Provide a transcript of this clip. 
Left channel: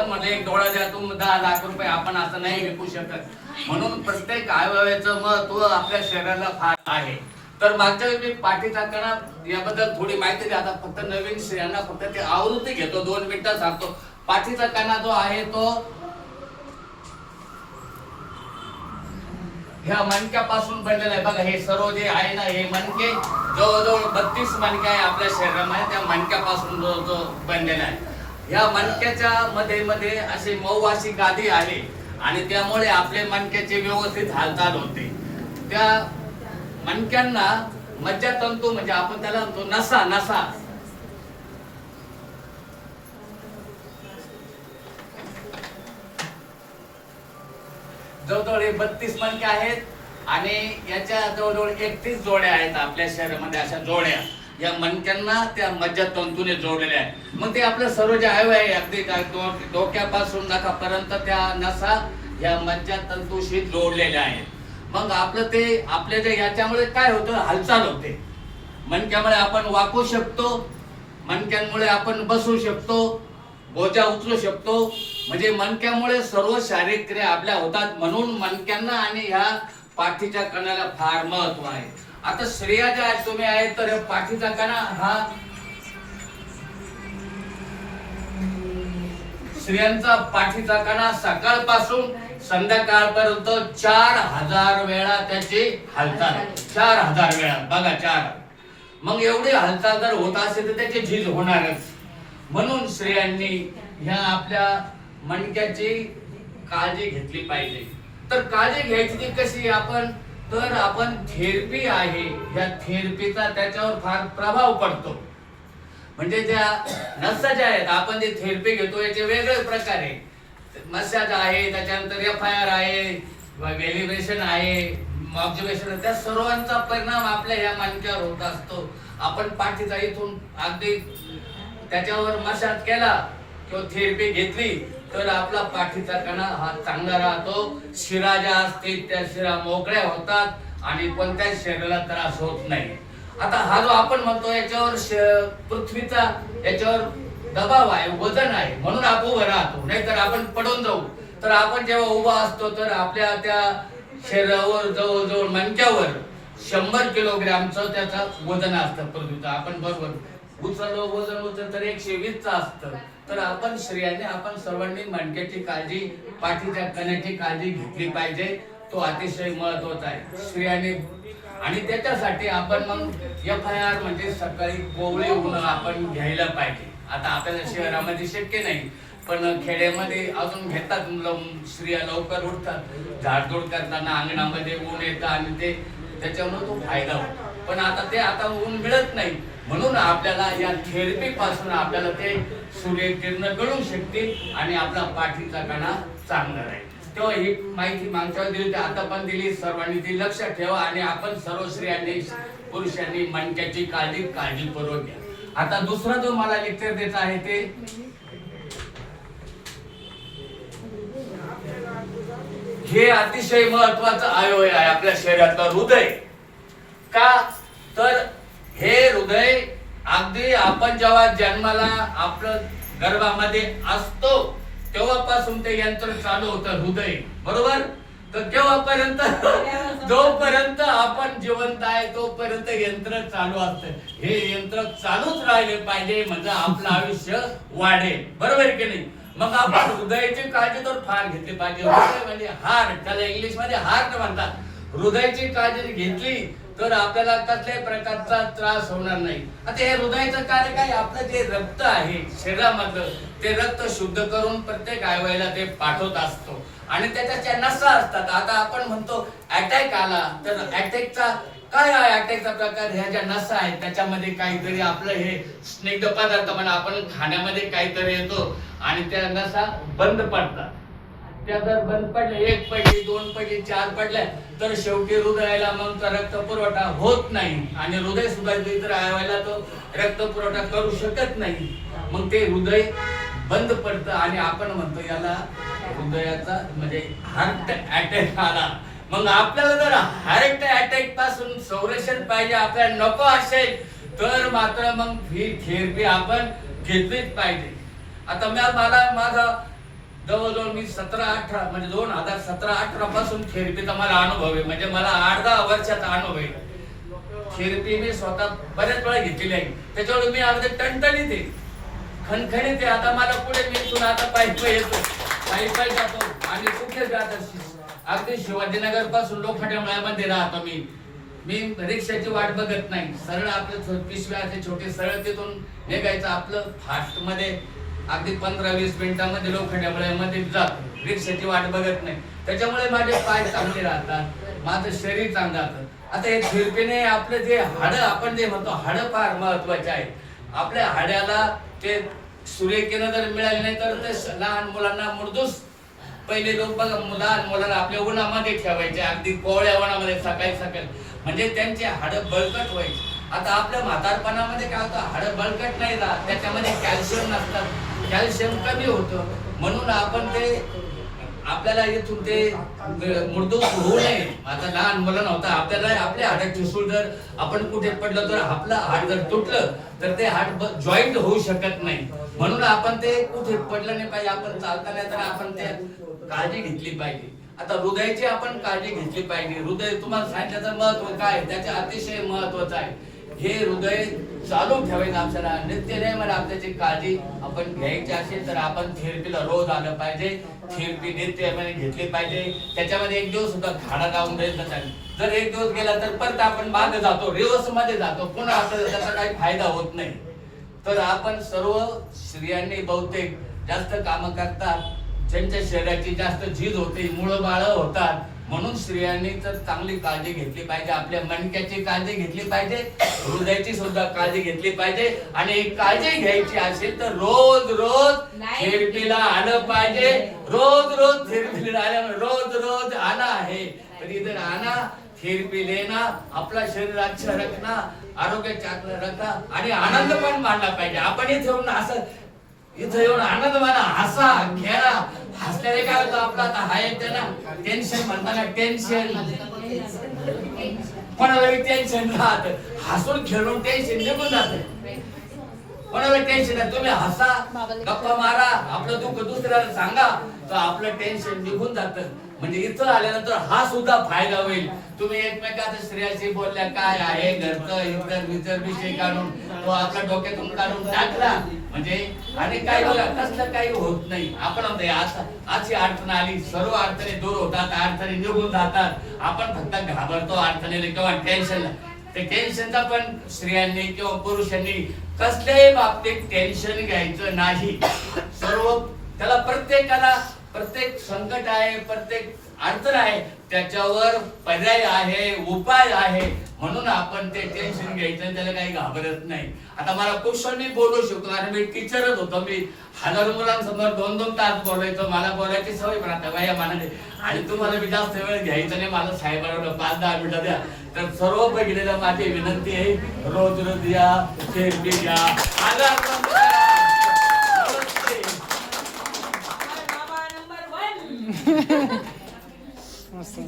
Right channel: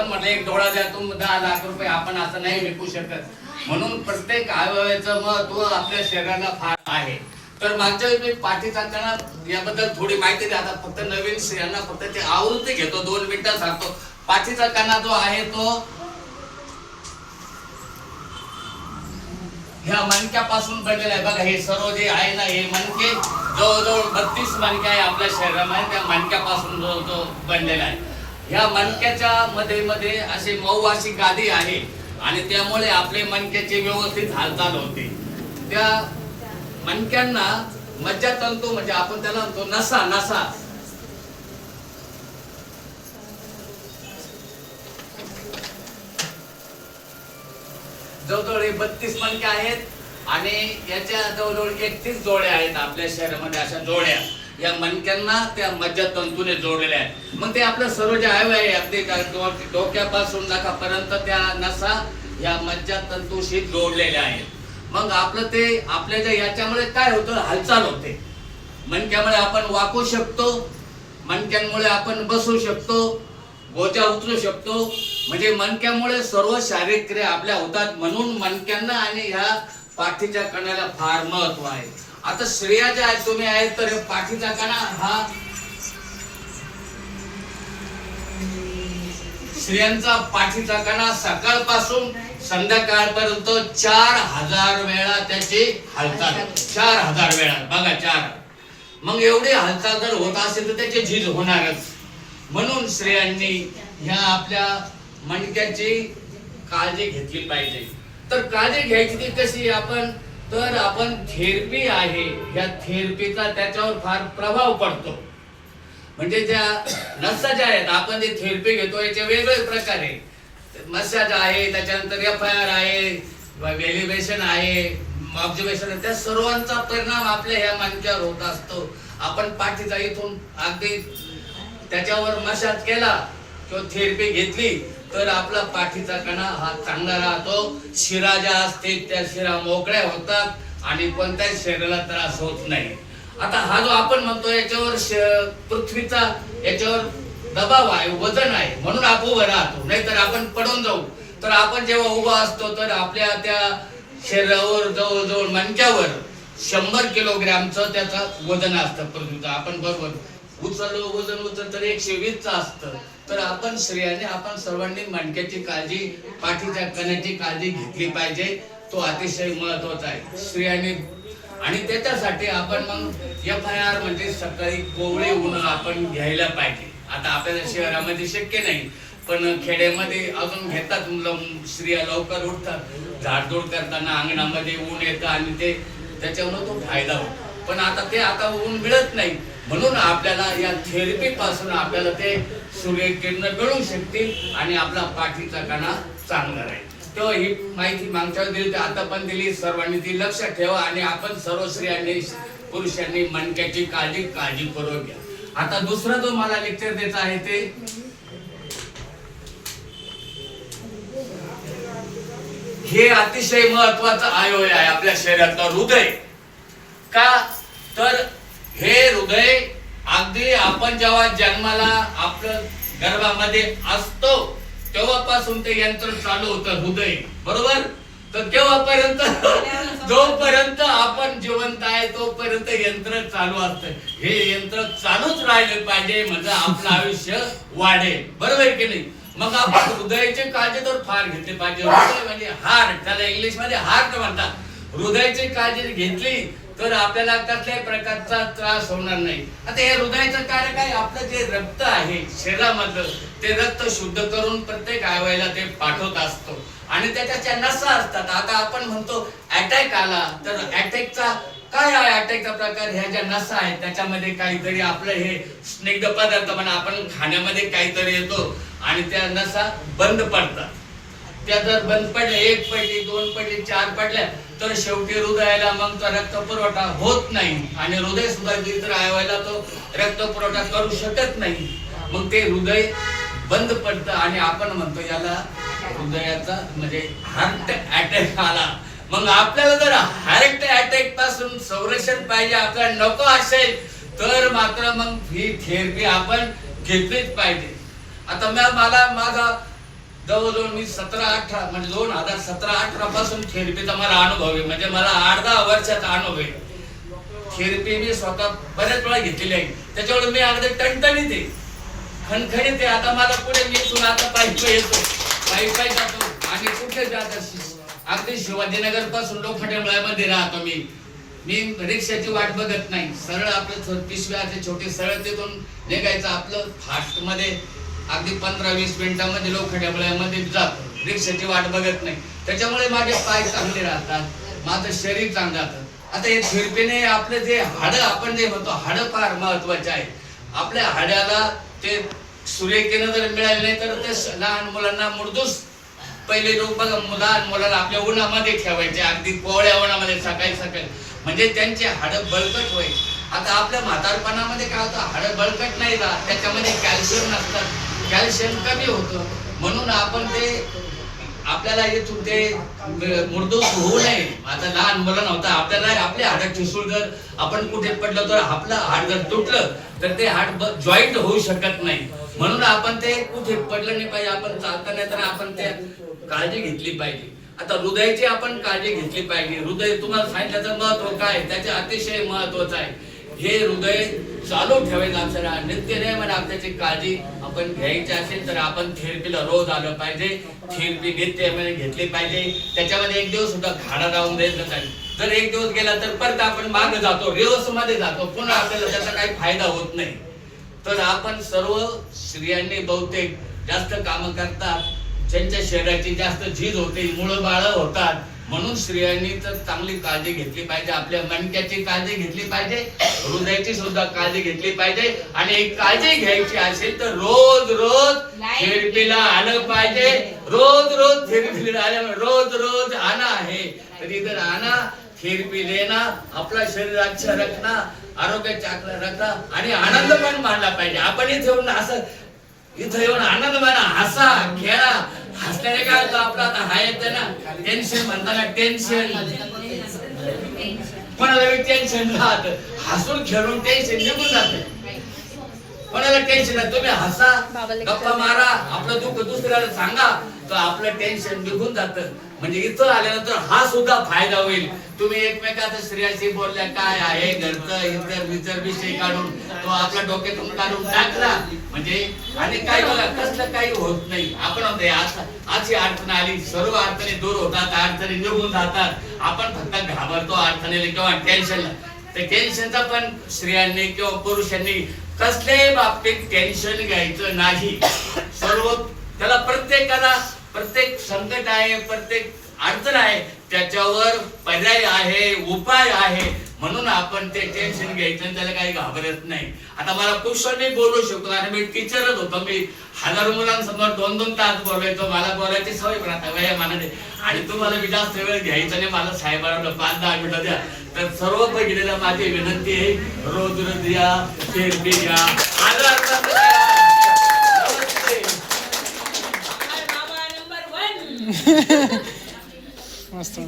आपण म्हटलं एक डोळा द्या तुम 10 लाख रुपये, आपण असं नाही विकू शकत. म्हणून प्रत्येक अवयवाचं महत्व आपल्या शरीराला फार आहे. तर मागच्या वेळी मी पाठीचा कणा याबद्दल थोडी माहिती द्या. आता फक्त नवीन स्त्रियांना फक्त ते आवृत्ती घेतो, 2 मिनिटं सांगतो. पाठीचा कणा जो आहे तो ह्या मणक्यापासून बनलेला आहे. बघा हे सर्व जे आहे ना, हे मणके जवळजवळ 32 मणके आहे आपल्या शरीरामध्ये, त्या मणक्यापासून जो बनलेला आहे. ह्या मणक्याच्या मध्ये अशी मऊ अशी गादी आहे आणि त्यामुळे आपले मणक्याची व्यवस्थित हालचाल होते. त्या मणक्यांना मज्जातंतू म्हणजे आपण त्याला म्हणतो नसा जवळजवळ 32 मणके आहेत आणि याच्या जवळजवळ 31 जोड्या आहेत आपल्या शरीरामध्ये. अशा जोड्या या मणक्यांना त्या मज्जातंतूने जोडलेल्या आहेत. मग ते आपलं सर्व जे अवयव आहे अगदी डोक्यापासून नखापर्यंत त्या नसा या मज्जातंतूशी जोडलेल्या आहेत. मग आपलं ते आपल्या जे याच्यामुळे काय होतं, हालचाल होते. मणक्यामुळे आपण वाकू शकतो, मणक्यांमुळे आपण बसू शकतो, बोजा उचलू शकतो. म्हणजे मणक्यामुळे सर्व शारीरिक क्रिया आपल्या होतात. म्हणून मणक्यांना आणि ह्या पाठीच्या कणाला फार महत्व आहे. आता स्त्रिया ज्या तुम्ही आहेत तर पाठीचा कणा हा स्त्रियांचा पाठीचा कणा सकाळपासून संध्याकाळपर्यंत 4000 वेळा त्याची हालचाल, 4000 वेळा. बघा 4. मग एवढी हालचाल जर होत असेल तर त्याची झीज होणारच. म्हणून स्त्रियांनी ह्या आपल्या मणक्याची काळजी घेतली पाहिजे. तर काळजी घ्यायची ती कशी आपण, तर आपण थेरपी आहे, या थेरपीचा त्याच्यावर फार प्रभाव पडतो. म्हणजे ज्या नसा ज्या आहेत आपण जे थेरपी घेतो याचे वेगवेगळे प्रकार आहे. मसाज आहे, त्याच्यानंतर FIR आहे, व्हॅलिब्रेशन आहे, ऑब्झर्वेशन आहे. त्या सर्वांचा परिणाम आपल्या ह्या मणक्यावर होत असतो. आपण पाठीचा इथून अगदी त्याच्यावर मसाज केला किंवा थेरपी घेतली तर आपला पाठीचा कणा हा चांगला राहतो. शिरा ज्या असतील त्या शिरा मोकळ्या होतात आणि कोणत्याच शरीराला त्रास होत नाही. आता हा जो आपण म्हणतो याच्यावर पृथ्वीचा याच्यावर दबाव आहे, वजन आहे, म्हणून आपण उभं राहतो. नाहीतर आपण पडून जाऊ. तर आपण जेव्हा उभा असतो तर आपल्या त्या शरीरावर जवळजवळ मणक्यावर 100 किलोग्रॅमचं त्याचं वजन असतं पृथ्वीचं. आपण बरोबर उचललो वजन उचल तर 120चं असतं. तर आपण स्त्रियांनी आपण सर्वांनी मणक्याची काळजी, पाठीच्या कण्याची काळजी घेतली पाहिजे. तो अतिशय महत्वाचा आहे स्त्रियांनी. आणि त्याच्यासाठी आपण मग FIR म्हणजे सकाळी कोवळे ऊन आपण घ्यायला पाहिजे. आता आपल्या शहरामध्ये शक्य नाही, पण खेड्यामध्ये अजून घेतात. स्त्रिया लवकर उठतात, झाडझूड करताना अंगणामध्ये ऊन येतं आणि ते त्याच्यावर तो फायदा होतो. पण आता ते आता ऊन मिळत नाही. म्हणून आपल्याला या थेरपी पासून आपल्याला ते सूर्यकिरण मिळू शकतील आणि आपला पाठीचा कणा चांगला राहील. तेव्हा ही माहिती मागच्या दिली, आता पण दिली. सर्वांनी ती लक्षात ठेवा आणि आपण सर्व स्त्रियांनी पुरुषांनी मणक्याची काळजीपूर्वक घ्या. आता दुसरा जो मला लेक्चर द्यायचा आहे ते हे अतिशय महत्वाचं अवयव आहे आपल्या शरीरातलं हृदय. का तर हे हृदय अगदी आपण जेव्हा जन्माला आपलं गर्भामध्ये असतो तेव्हापासून ते यंत्र चालू होतं हृदय, बरोबर. तर तेव्हापर्यंत जोपर्यंत आपण जिवंत आहे तोपर्यंत यंत्र चालू असतं. हे यंत्र चालूच राहिले पाहिजे म्हणजे आपलं आयुष्य वाढेल, बरोबर की नाही. मग आपण हृदयाची काळजी तर फार घेतली पाहिजे. हृदय म्हणजे हार्ट, त्याला इंग्लिश मध्ये हार्ट म्हणतात. हृदयाची काळजी घेतली तर आपल्याला कसल्याही प्रकारचा त्रास होणार नाही. आता हे हृदयाचं कार्य काय, आपलं जे रक्त आहे शरीरामधलं ते रक्त शुद्ध करून प्रत्येक अवयवाला ते पाठवत असतो आणि त्याच्या नसा असतात. आता आपण म्हणतो अटॅक आला तर अटॅकचा काय आहे, अटॅकचा प्रकार ह्या ज्या नसा आहेत त्याच्यामध्ये काहीतरी आपलं हे स्निग्ध पदार्थ म्हणा आपण खाण्यामध्ये काहीतरी येतो आणि त्या नसा बंद पडतात. त्या जर बंद पडल्या, 1 पडली, 2 पडली, 4 पडल्या तर शेवटी हृदयाला मग रक्त पुरवठा होत नाही आणि हृदय सुद्धा इतर अवयवाला तो रक्त पुरवठा करू शकत नाही. मग ते हृदय बंद पडतं आणि आपण म्हणतो याला हृदयाचा म्हणजे हार्ट अटॅक आला. मग आपल्याला जर हार्ट अटॅक पासून संरक्षण पाहिजे, आपल्याला नको असेल तर मात्र मग ही थेरपी आपण घेतलीच पाहिजे. आता मला माझा जवळजवळ मी 17-18 म्हणजे 2017-18 पासून थेरपीचा मला अनुभव आहे. म्हणजे मला 8-10 वर्षाचा अनुभव आहे. थेरपी मी स्वतः बऱ्याच वेळा घेतलेली आहे. त्याच्यामुळे मी अगदी टणटणीत आहे, खणखणीत आहे. आता मला पुढे मी इथून आता पायी येतो, पायी जातो आणि कुठे जात अगदी शिवाजीनगर पासून लोखंडेमळ्यामध्ये राहतो मी रिक्षाची वाट बघत नाही. सरळ आपलं पिशव्याचे छोटे सरळ तिथून निघायचं आपलं फास्ट मध्ये अगदी 15-20 मिनिटांमध्ये लोखंडेमळ्यामध्ये जातो. रिक्षाची वाट बघत नाही. त्याच्यामुळे माझे पाय चांगले राहतात, माझं शरीर चांगलं राहतं. आता हे थेरपीने आपले जे हाडं आपण जे म्हणतो हाडं फार महत्वाचे आहे. आपल्या हाड्याला ते सूर्यकिरण जर मिळाले नाही तर ते लहान मुलांना मुरदूस पहिले लोक बघा लहान मुलांना आपल्या उन्हामध्ये ठेवायचे, अगदी कोवळ्या उन्हामध्ये सकाळी म्हणजे त्यांचे हाडं बळकट व्हायचे. आता आपल्या म्हातारपणामध्ये काय होतं, हाडं बळकट नाही राहत, त्याच्यामध्ये कॅल्शियम नसतात, कॅल्शियम कमी होतं. म्हणून आपण ते आपल्याला इथून ते मुरदूस होऊ नये. आता लहान मुलांना होता आपल्याला आपल्या हाडं ठिसूळ जर आपण कुठे पडलं तर आपलं हाड जर तुटलं तर ते हाड जॉईंट होऊ शकत नाही. म्हणून आपण ते कुठे पडलं नाही पाहिजे. आपण चालताना तर आपण ते काळजी घेतली पाहिजे. आता हृदयाची आपण काळजी घेतली पाहिजे. हृदय तुम्हाला सांगितल्याचं महत्व काय, त्याचे अतिशय महत्वाचं आहे. हे हृदय चालू ठेवायचं आपल्याला नित्य नेमाने आपल्याची काळजी आपण घ्यायची असेल तर आपण थेरपीला रोज आलं पाहिजे. थेरपी नित्यनेमाने घेतली पाहिजे. त्याच्यामध्ये एक दिवस सुद्धा खाडा राहून द्यायचा नाही. जर एक दिवस गेला तर परत आपण मागे जातो, रिवर्स मध्ये जातो, पुन्हा आपल्याला त्याचा काही फायदा होत नाही. तर आपण सर्व स्त्रियांनी बहुतेक जास्त काम करतात, ज्यांच्या शरीराची जास्त झीज होते, मुळं बाळ होतात, म्हणून स्त्रियांनी तर चांगली काळजी घेतली पाहिजे. आपल्या मणक्याची काळजी घेतली पाहिजे, हृदयाची सुद्धा काळजी घेतली पाहिजे. आणि काळजी घ्यायची असेल तर रोज थेरपीला आलं पाहिजे. रोज थेरपीला आल्यामुळे रोज आना आहे तर इधर आना, थेरपी लेना, आपला शरीर अच्छा रखना, आरोग्य चांगलं रखना आणि आनंद पण मानला पाहिजे. आपण इथं येऊन आनंद माना, हसा खेळा. हसल्याने काय होतं, आपला आता हा येते ना टेन्शन म्हणताना टेन्शन कोणाला टेन्शन राहत, हसून खेळून टेन्शन निघून जात. कोणाला टेन्शन आहे, तुम्ही हसा, गप्पा मारा, आपलं दुःख दुसऱ्याला सांगा तर आपलं टेन्शन निघून जातं. म्हणजे इथं आल्यानंतर हा सुद्धा फायदा होईल. तुम्ही एकमेकाच्या स्त्रियाशी बोलल्या काय आहे घरचं इतर विषय काढून तो आपल्या डोक्यातून काढून टाकला म्हणजे आणि काय बघा कसलं काही होत नाही. आपण होते अशी अडचण आली, सर्व अडचणी दूर होतात, अडचणी निघून जातात. आपण फक्त घाबरतो अडचणीला किंवा टेन्शनला. ते टेन्शनचा पण स्त्रियांनी किंवा पुरुषांनी कसल्याही बाबतीत टेन्शन घ्यायचं नाही. सर्व त्याला प्रत्येकाला प्रत्येक संकट आहे, प्रत्येक अडचण आहे, त्याच्यावर पर्याय आहे, उपाय आहे. म्हणून आपण ते टेन्शन घ्यायचं, त्याला काही घाबरत नाही. आता मला कुशल मी बोलू शकतो आणि मी टीचरच होतो. मी हजारो मुलांसमोर 2-2 तास बोलायचो. मला बोलायची सवय पण आता वयामानाने. आणि तुम्हाला मी जास्त वेळ घ्यायचा नाही, मला साहेबांना 5-10 मिनिटं द्या. तर सर्व पहिलेला माझी विनंती आहे, रोज या, थेरपी घ्या. मस्त